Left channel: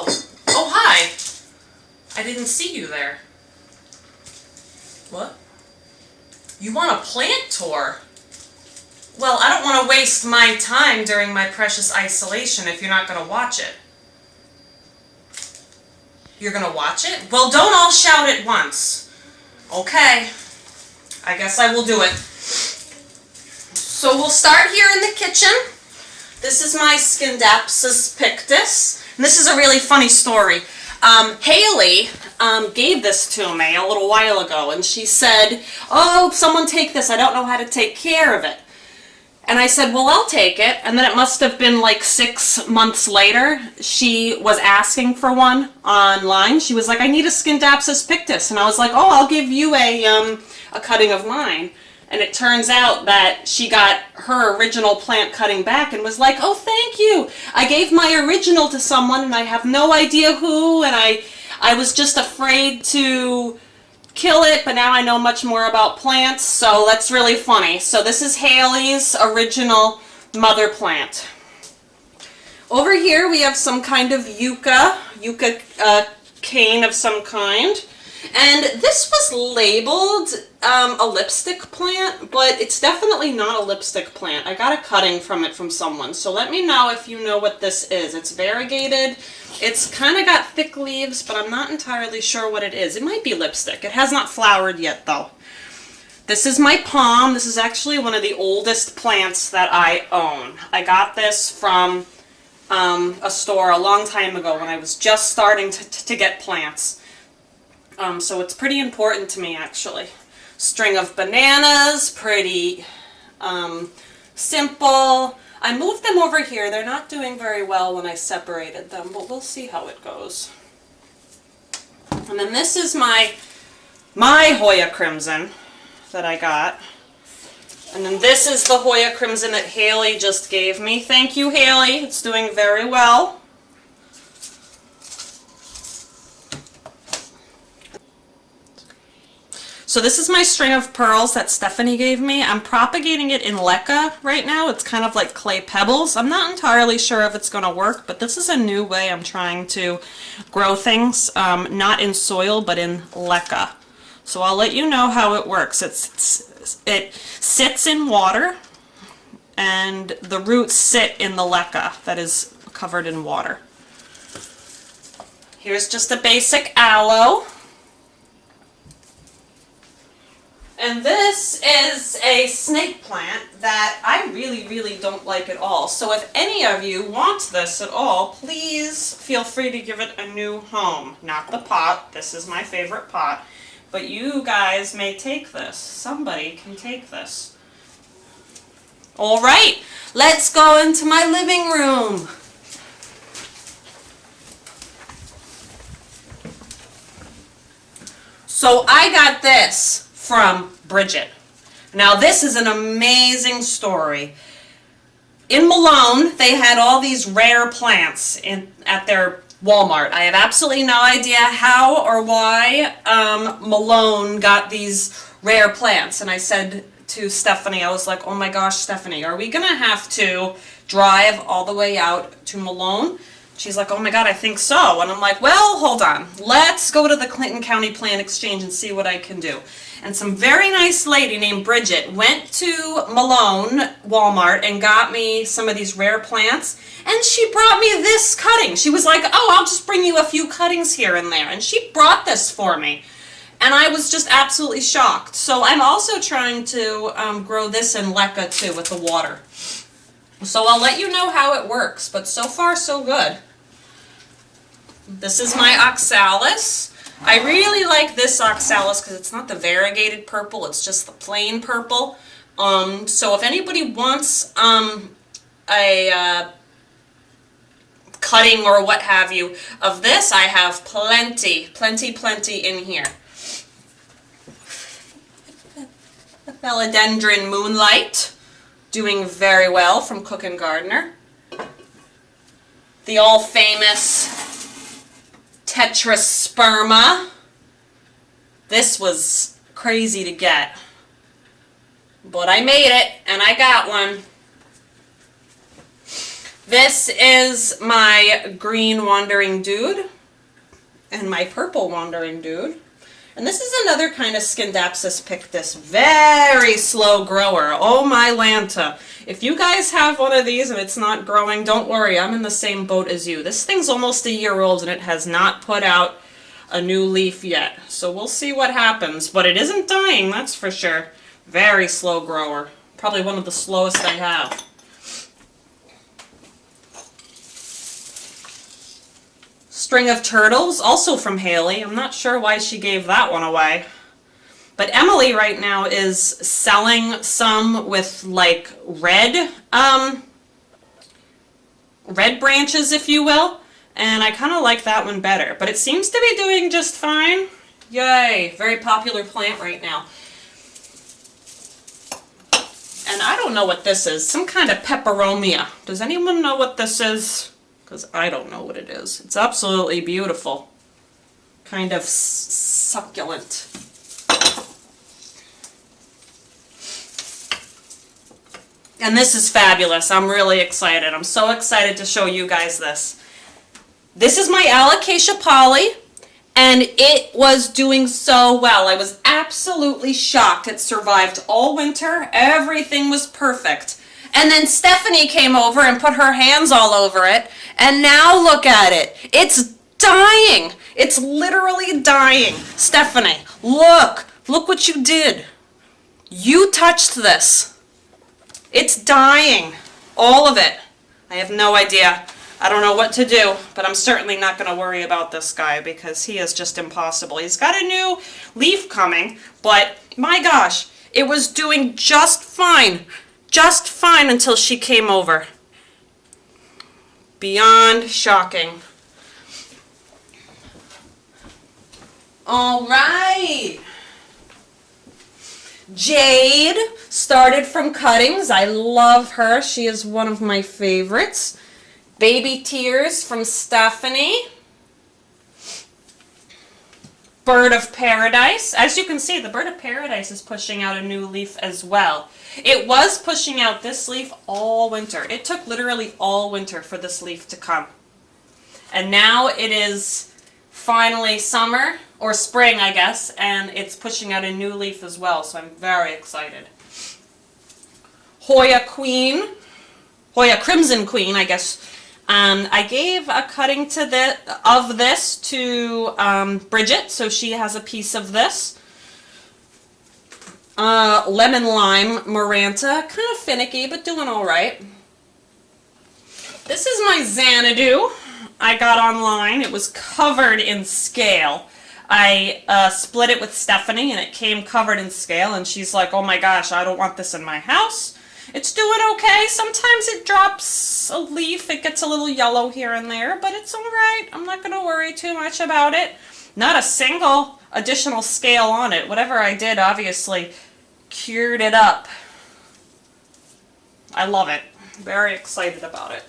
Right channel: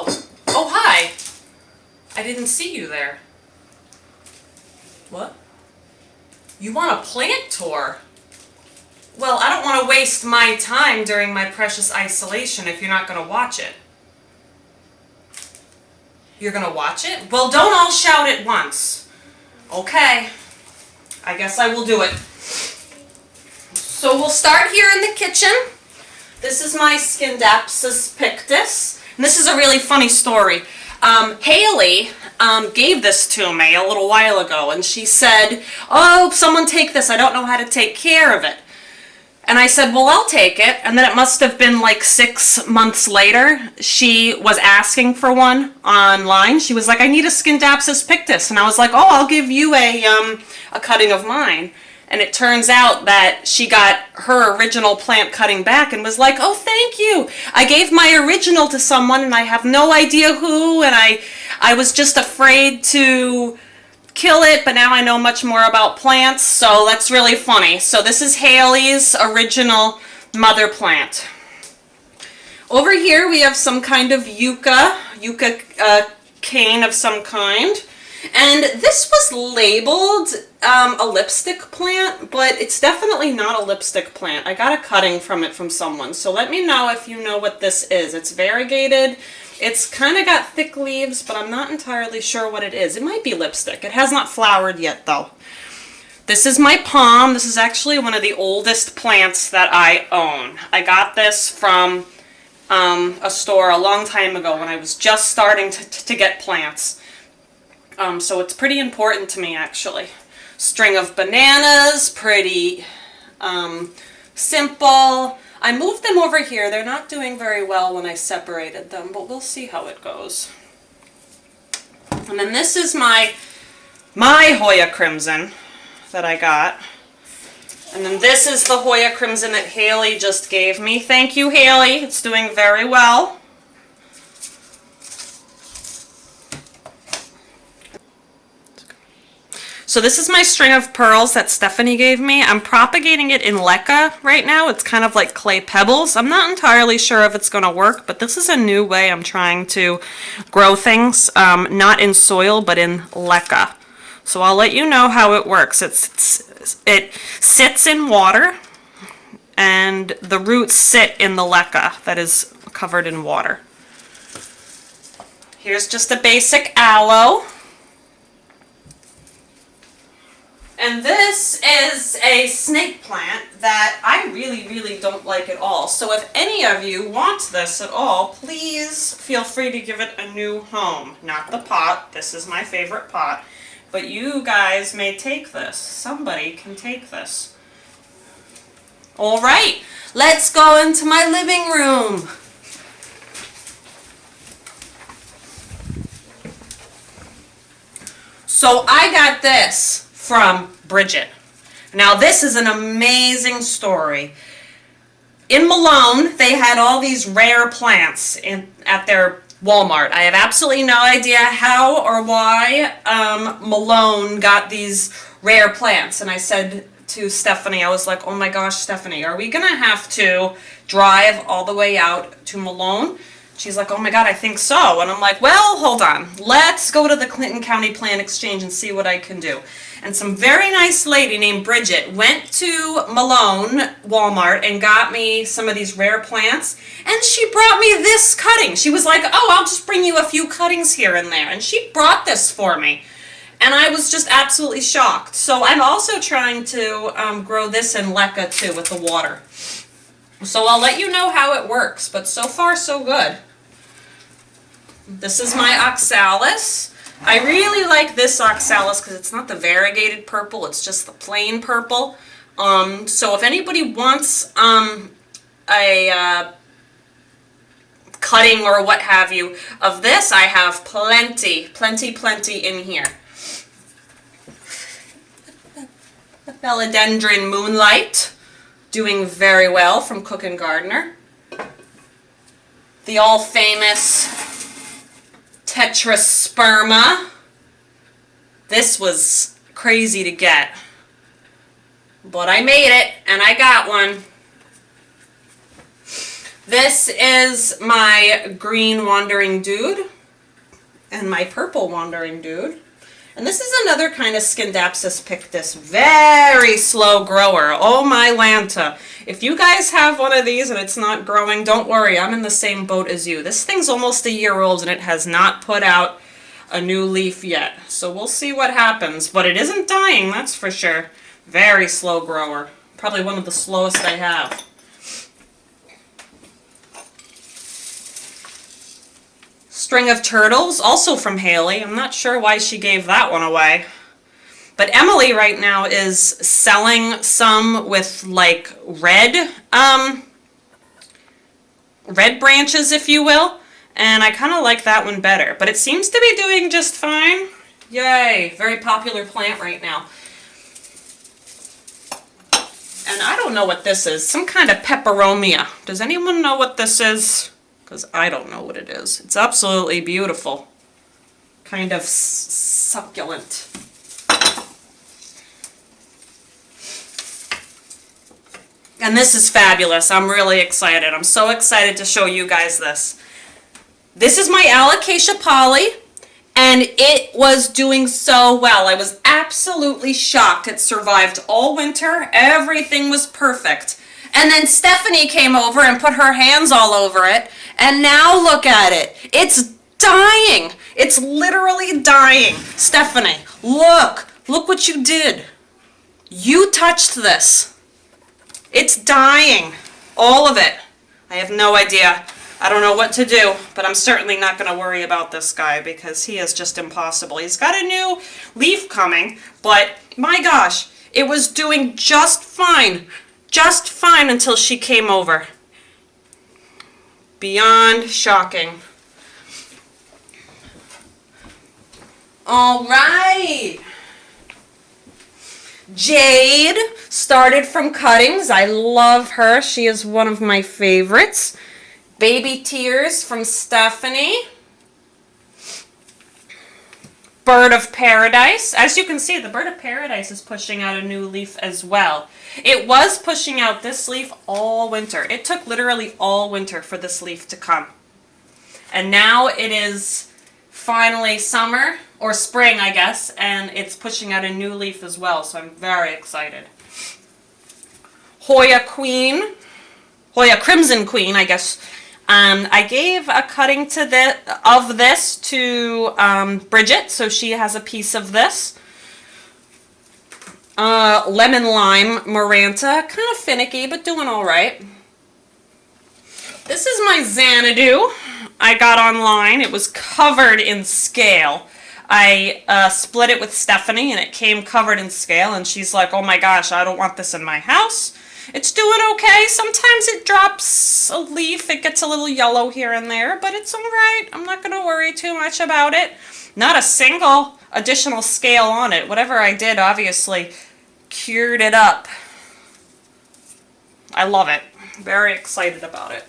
Oh, oh, hi. I didn't see you there. What? You want a plant tour? Well, I don't want to waste my time during my precious isolation if you're not going to watch it. You're going to watch it? Well, don't all shout at once. Okay. I guess I will do it. So we'll start here in the kitchen. This is my Scindapsus pictus. And this is a really funny story. Haley gave this to me a little while ago, and she said, "Oh, someone take this. I don't know how to take care of it." And I said, "Well, I'll take it." And then it must have been like 6 months later, she was asking for one online. She was like, "I need a Scindapsus pictus." And I was like, "Oh, I'll give you a cutting of mine." And it turns out that she got her original plant cutting back and was like, "Oh, thank you. I gave my original to someone and I have no idea who, and I was just afraid to kill it, but now I know much more about plants." So that's really funny. So this is Haley's original mother plant. Over here we have some kind of yucca cane of some kind. And this was labeled a lipstick plant, but it's definitely not a lipstick plant. I got a cutting from it from someone, so let me know if you know what this is. It's variegated. It's kind of got thick leaves, but I'm not entirely sure what it is. It might be lipstick. It has not flowered yet, though. This is my palm. This is actually one of the oldest plants that I own. I got this from a store a long time ago when I was just starting to get plants. So it's pretty important to me, actually. String of bananas, pretty simple. I moved them over here. They're not doing very well when I separated them, but we'll see how it goes. And then this is my Hoya Crimson that I got. And then this is the Hoya Crimson that Haley just gave me. Thank you, Haley. It's doing very well. So this is my string of pearls that Stephanie gave me. I'm propagating it in leca right now. It's kind of like clay pebbles. I'm not entirely sure if it's going to work, but this is a new way I'm trying to grow things, not in soil, but in leca. So I'll let you know how it works. It sits in water, and the roots sit in the leca that is covered in water. Here's just a basic aloe. And this is a snake plant that I really don't like at all. So if any of you want this at all, please feel free to give it a new home. Not the pot. This is my favorite pot. But you guys may take this. Somebody can take this. All right, let's go into my living room. So I got this from Bridget. Now this is an amazing story. In Malone, they had all these rare plants at their Walmart. I have absolutely no idea how or why Malone got these rare plants. And I said to Stephanie, I was like, "Oh my gosh, Stephanie, are we gonna have to drive all the way out to Malone?" She's like, "Oh my God, I think so." And I'm like, "Well, hold on. Let's go to the Clinton County Plant Exchange and see what I can do." And some very nice lady named Bridget went to Malone Walmart and got me some of these rare plants. And she brought me this cutting. She was like, "Oh, I'll just bring you a few cuttings here and there." And she brought this for me. And I was just absolutely shocked. So I'm also trying to grow this in leca too with the water. So I'll let you know how it works. But so far, so good. This is my oxalis. I really like this oxalis because it's not the variegated purple, it's just the plain purple. So if anybody wants a cutting or what have you of this, I have plenty in here. Philodendron Moonlight, doing very well from Cook and Gardner. The all famous Tetrasperma. This was crazy to get, but I made it and I got one. This is my green wandering dude and my purple wandering dude. And this is another kind of Scindapsus pictus. Very slow grower. Oh my Lanta. If you guys have one of these and it's not growing, don't worry. I'm in the same boat as you. This thing's almost a year old and it has not put out a new leaf yet. So we'll see what happens. But it isn't dying, that's for sure. Very slow grower. Probably one of the slowest I have. String of Turtles, also from Haley. I'm not sure why she gave that one away. But Emily right now is selling some with like red branches, if you will. And I kind of like that one better. But it seems to be doing just fine. Yay, very popular plant right now. And I don't know what this is. Some kind of peperomia. Does anyone know what this is? Because I don't know what it is. It's absolutely beautiful. Kind of succulent. And this is fabulous. I'm really excited. I'm so excited to show you guys this. This is my Alocasia Polly, and it was doing so well. I was absolutely shocked. It survived all winter. Everything was perfect. And then Stephanie came over and put her hands all over it. And now look at it. It's dying. It's literally dying. Stephanie, look. Look what you did. You touched this. It's dying. All of it. I have no idea. I don't know what to do, but I'm certainly not going to worry about this guy because he is just impossible. He's got a new leaf coming, but my gosh, it was doing just fine. Just fine until she came over. Beyond shocking. All right. Jade started from cuttings. I love her. She is one of my favorites. Baby Tears from Stephanie. Bird of Paradise. As you can see, the Bird of Paradise is pushing out a new leaf as well. It was pushing out this leaf all winter. It took literally all winter for this leaf to come. And now it is finally summer, or spring, I guess, and it's pushing out a new leaf as well, so I'm very excited. Hoya Queen, Hoya Crimson Queen, I guess. I gave a cutting of this to Bridget, so she has a piece of this. Lemon Lime Maranta, kind of finicky, but doing all right. This is my Xanadu I got online. It was covered in scale. I split it with Stephanie, and it came covered in scale, and she's like, oh my gosh, I don't want this in my house. It's doing okay. Sometimes it drops a leaf. It gets a little yellow here and there, but it's all right. I'm not going to worry too much about it. Not a single additional scale on it. Whatever I did, obviously, cured it up. I love it. Very excited about it.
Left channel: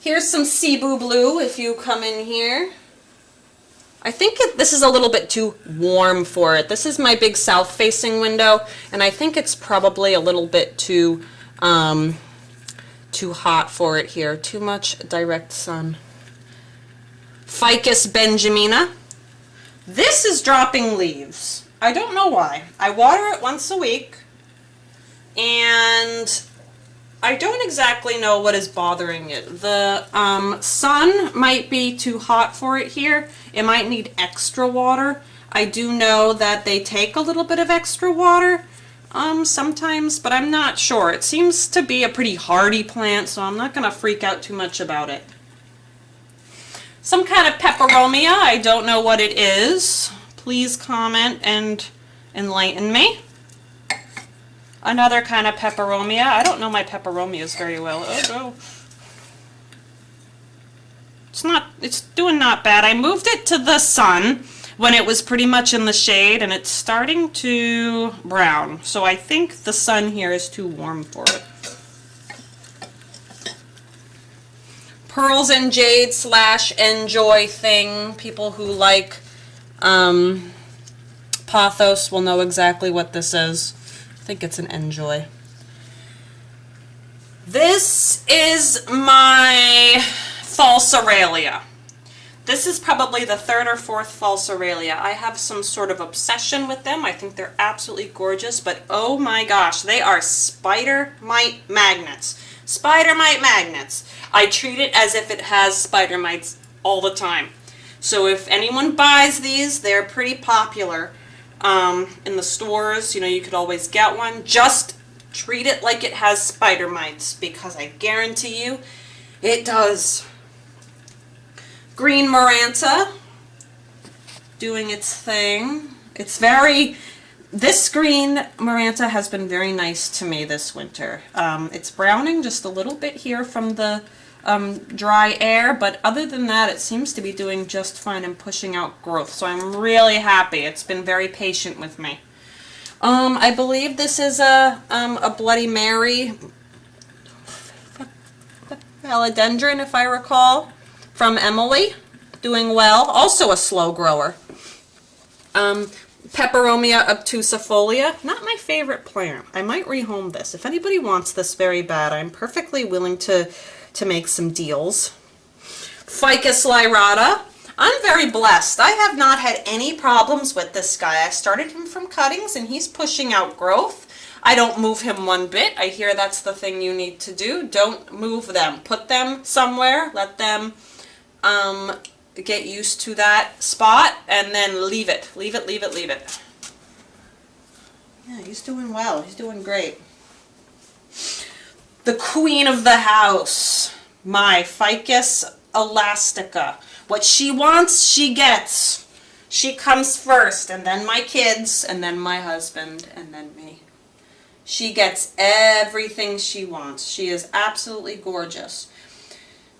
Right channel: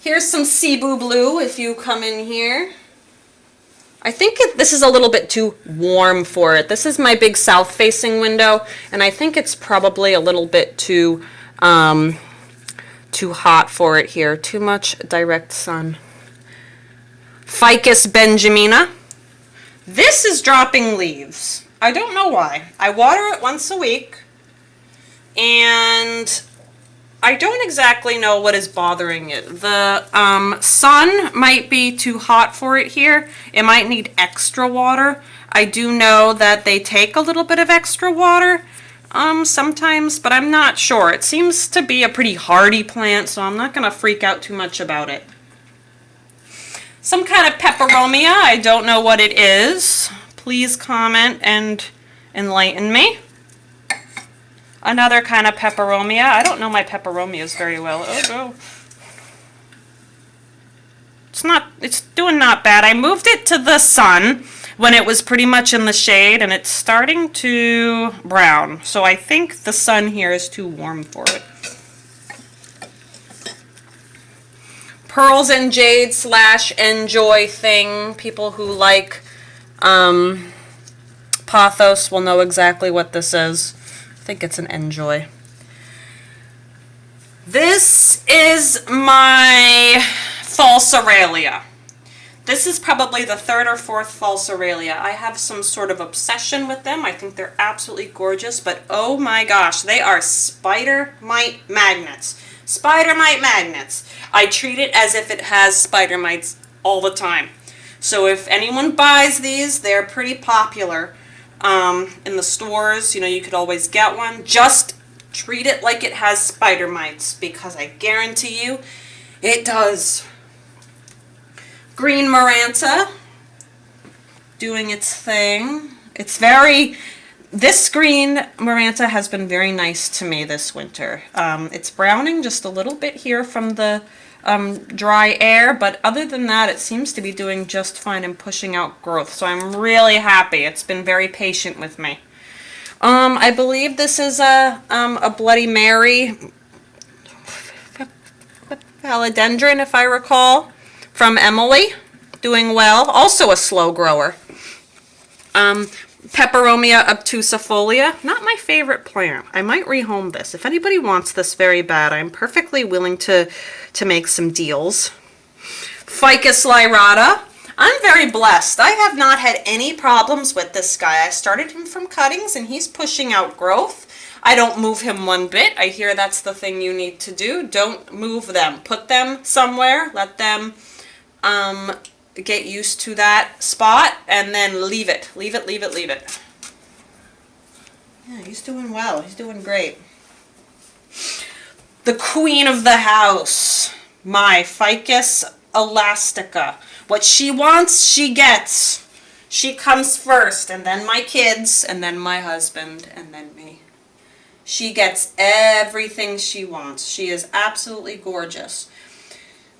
Here's some Cebu Blue if you come in here. I think this is a little bit too warm for it. This is my big south-facing window, and I think it's probably a little bit too hot for it here. Too much direct sun. Ficus benjamina. This is dropping leaves. I don't know why. I water it once a week, and I don't exactly know what is bothering it. The sun might be too hot for it here. It might need extra water. I do know that they take a little bit of extra water sometimes, but I'm not sure. It seems to be a pretty hardy plant, so I'm not going to freak out too much about it. Some kind of peperomia. I don't know what it is. Please comment and enlighten me. Another kind of peperomia. I don't know my peperomias very well. Oh no. It's doing not bad. I moved it to the sun when it was pretty much in the shade, and it's starting to brown. So I think the sun here is too warm for it. Pearls and Jade / Enjoy thing. People who like Pothos will know exactly what this is. I think it's an Enjoy. This is my false Aurelia. This is probably the third or fourth false Aurelia. I have some sort of obsession with them. I think they're absolutely gorgeous, but oh my gosh, they are spider mite magnets. Spider mite magnets. I treat it as if it has spider mites all the time. So if anyone buys these, they're pretty popular in the stores. You know, you could always get one. Just treat it like it has spider mites, because I guarantee you it does. Green Maranta doing its thing. This green Maranta has been very nice to me this winter. It's browning just a little bit here from the dry air, but other than that, it seems to be doing just fine and pushing out growth. So I'm really happy. It's been very patient with me. I believe this is a Bloody Mary philodendron, if I recall, from Emily, doing well. Also a slow grower. Peperomia obtusifolia, not my favorite plant. I might rehome this. If anybody wants this very bad, I'm perfectly willing to make some deals. Ficus lyrata. I'm very blessed. I have not had any problems with this guy. I started him from cuttings and he's pushing out growth. I don't move him one bit. I hear that's the thing you need to do. Don't move them. Put them somewhere. Let them get used to that spot and then leave it. Leave it, leave it, leave it. Yeah, he's doing well. He's doing great. The queen of the house, my Ficus elastica. What she wants, she gets. She comes first, and then my kids, and then my husband, and then me. She gets everything she wants. She is absolutely gorgeous.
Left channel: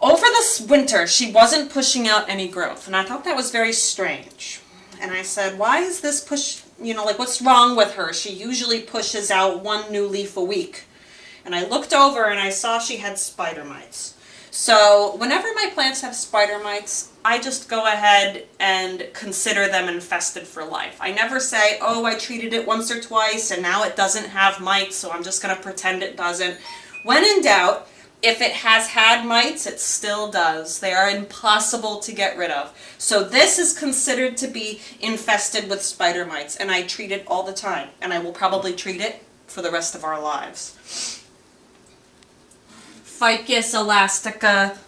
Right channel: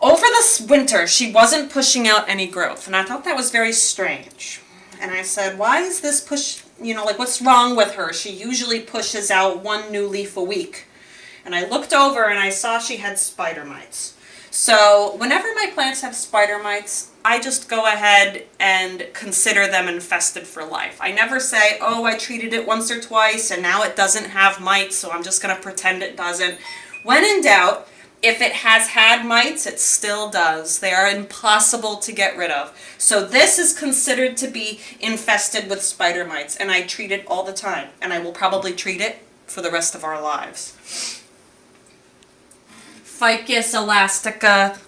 Over this winter, she wasn't pushing out any growth, and I thought that was very strange. And I said, why is this what's wrong with her? She usually pushes out one new leaf a week. And I looked over and I saw she had spider mites. So whenever my plants have spider mites, I just go ahead and consider them infested for life. I never say, oh, I treated it once or twice and now it doesn't have mites, so I'm just going to pretend it doesn't. When in doubt, if it has had mites, it still does. They are impossible to get rid of. So this is considered to be infested with spider mites, and I treat it all the time, and I will probably treat it for the rest of our lives. Ficus elastica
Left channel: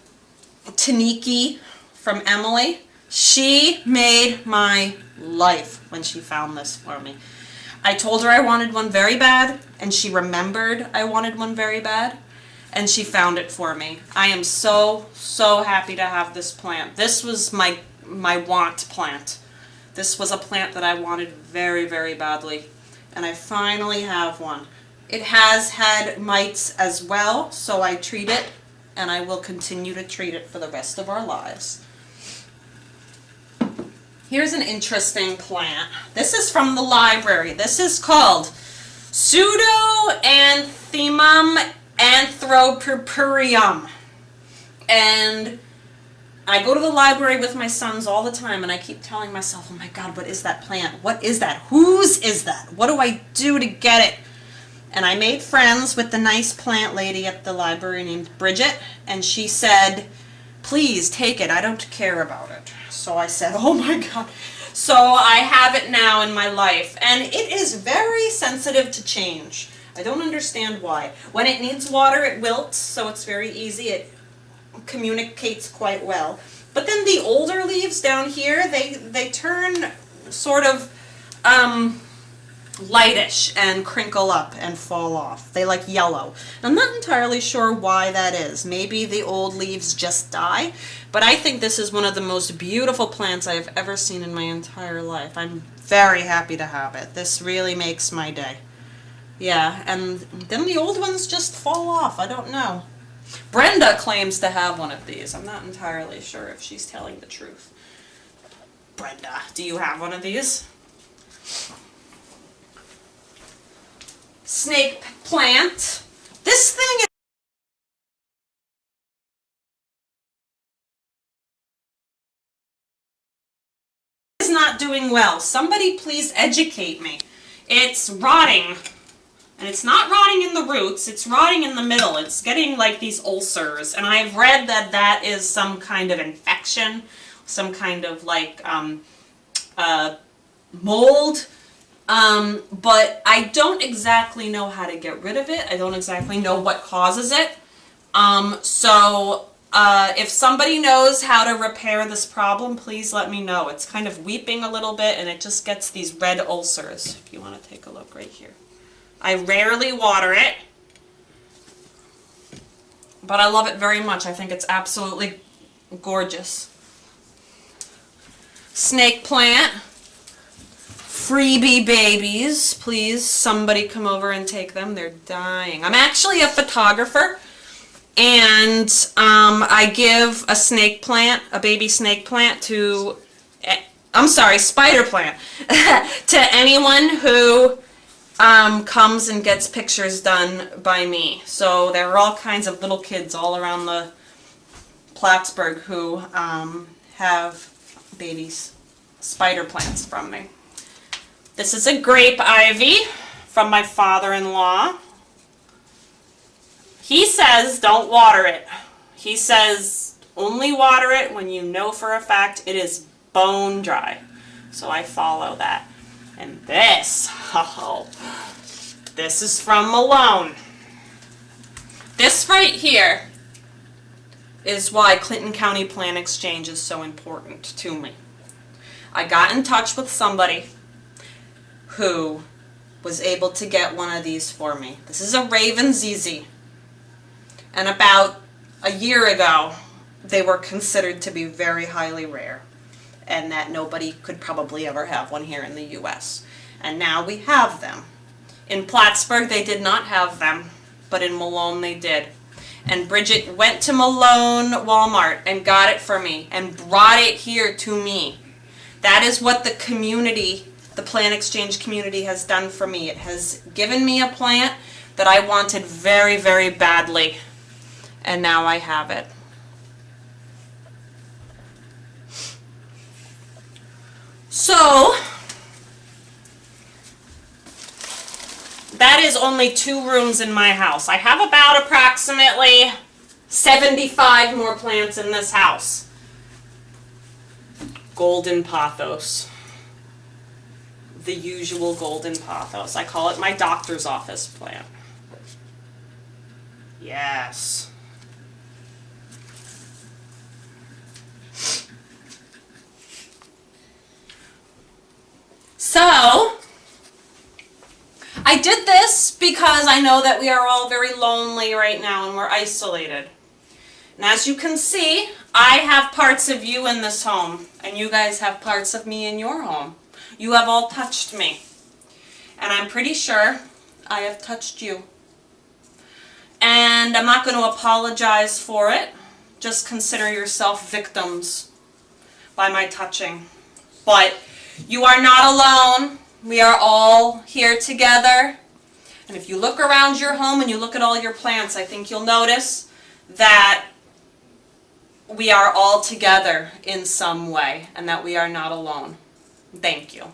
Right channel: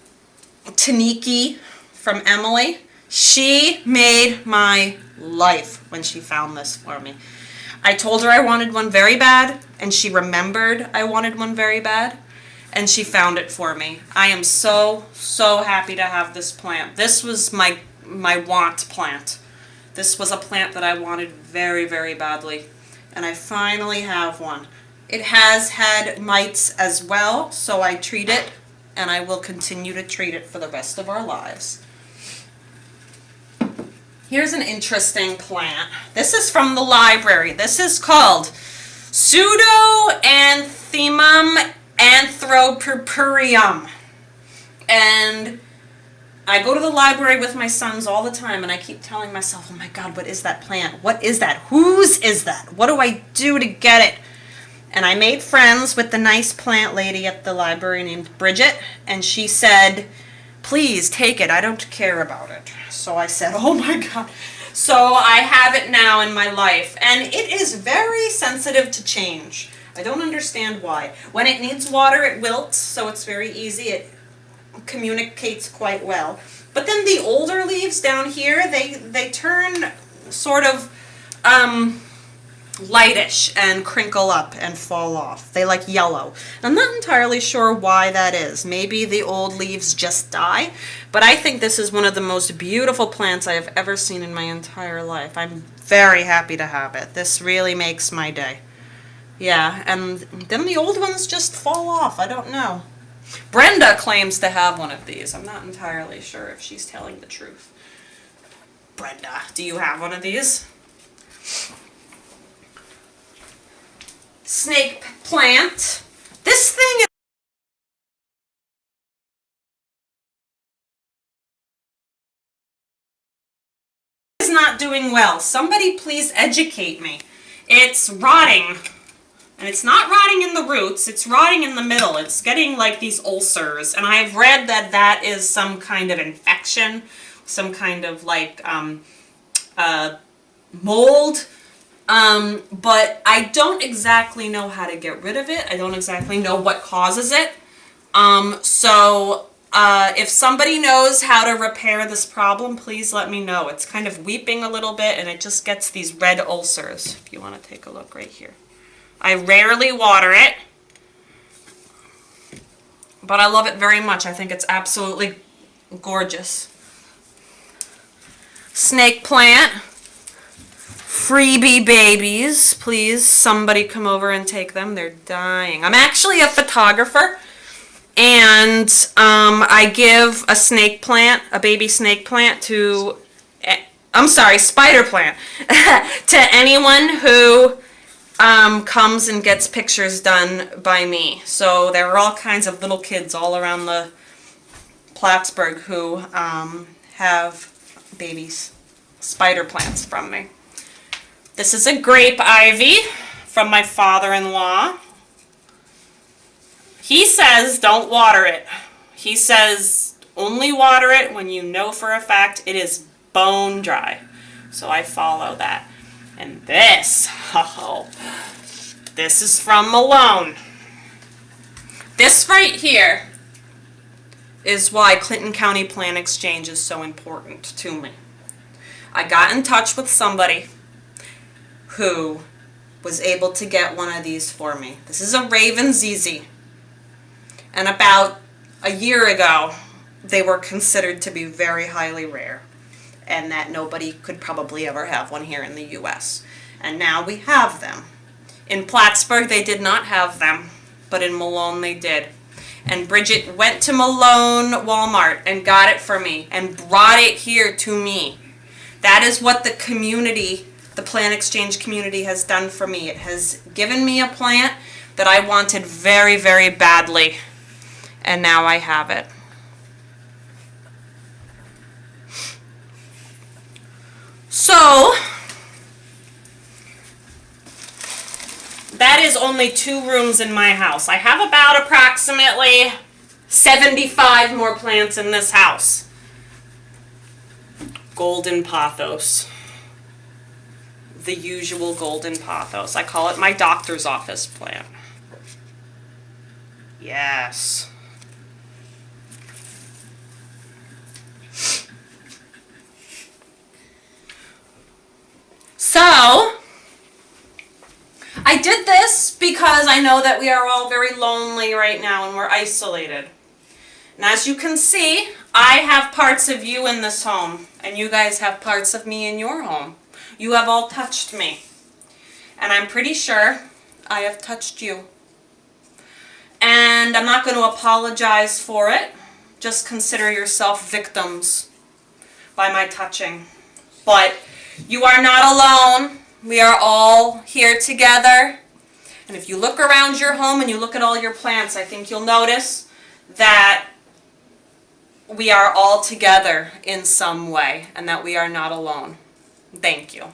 Taniki from Emily. She made my life when she found this for me. I told her I wanted one very bad, and she remembered I wanted one very bad, and she found it for me. I am so, so happy to have this plant. This was my want plant. This was a plant that I wanted very, very badly, and I finally have one. It has had mites as well, so I treat it, and I will continue to treat it for the rest of our lives. Here's an interesting plant. This is from the library. This is called Pseudoanthemum anthropurpureum. And I go to the library with my sons all the time, and I keep telling myself, oh my God, what is that plant? What is that? Whose is that? What do I do to get it? And I made friends with the nice plant lady at the library named Bridget, and she said, please take it. I don't care about it. So I said, oh my God. So I have it now in my life, and it is very sensitive to change. I don't understand why. When it needs water, it wilts, so it's very easy. It communicates quite well. But then the older leaves down here, they turn sort of lightish and crinkle up and fall off. They like yellow. I'm not entirely sure why that is. Maybe the old leaves just die, but I think this is one of the most beautiful plants I have ever seen in my entire life. I'm very happy to have it. This really makes my day. Yeah, and then the old ones just fall off. I don't know. Brenda claims to have one of these. I'm not entirely sure if she's telling the truth. Brenda, do you have one of these? Snake plant. This thing is not doing well. Somebody please educate me. It's rotting And it's not rotting in the roots, it's rotting in the middle. It's getting like these ulcers. And I've read that that is some kind of infection, some kind of like mold. But I don't exactly know how to get rid of it. I don't exactly know what causes it. If somebody knows how to repair this problem, please let me know. It's kind of weeping a little bit and it just gets these red ulcers. If you want to take a look right here. I rarely water it, but I love it very much. I think it's absolutely gorgeous. Snake plant. Freebie babies. Please, somebody come over and take them. They're dying. I'm actually a photographer, and I give a snake plant, a baby snake plant to, spider plant, to anyone who comes and gets pictures done by me. So there are all kinds of little kids all around the Plattsburgh who have babies, spider plants from me. This is a grape ivy from my father-in-law. He says don't water it. He says only water it when you know for a fact it is bone dry. So I follow that. And this, this is from Malone. This right here is why Clinton County Plant Exchange is so important to me. I got in touch with somebody who was able to get one of these for me. This is a Raven ZZ. And about a year ago, they were considered to be very highly rare, and that nobody could probably ever have one here in the U.S. And now we have them. In Plattsburgh, they did not have them, but in Malone, they did. And Bridget went to Malone Walmart and got it for me and brought it here to me. That is what the community, the Plant Exchange community, has done for me. It has given me a plant that I wanted very, very badly, and now I have it. So, that is only 2 rooms in my house. I have about approximately 75 more plants in this house. Golden pothos. The usual golden pothos. I call it my doctor's office plant. Yes. So, I did this because I know that we are all very lonely right now and we're isolated. And as you can see, I have parts of you in this home, and you guys have parts of me in your home. You have all touched me. And I'm pretty sure I have touched you. And I'm not going to apologize for it. Just consider yourself victims by my touching. But you are not alone. We are all here together. And if you look around your home and you look at all your plants, I think you'll notice that we are all together in some way and that we are not alone. Thank you.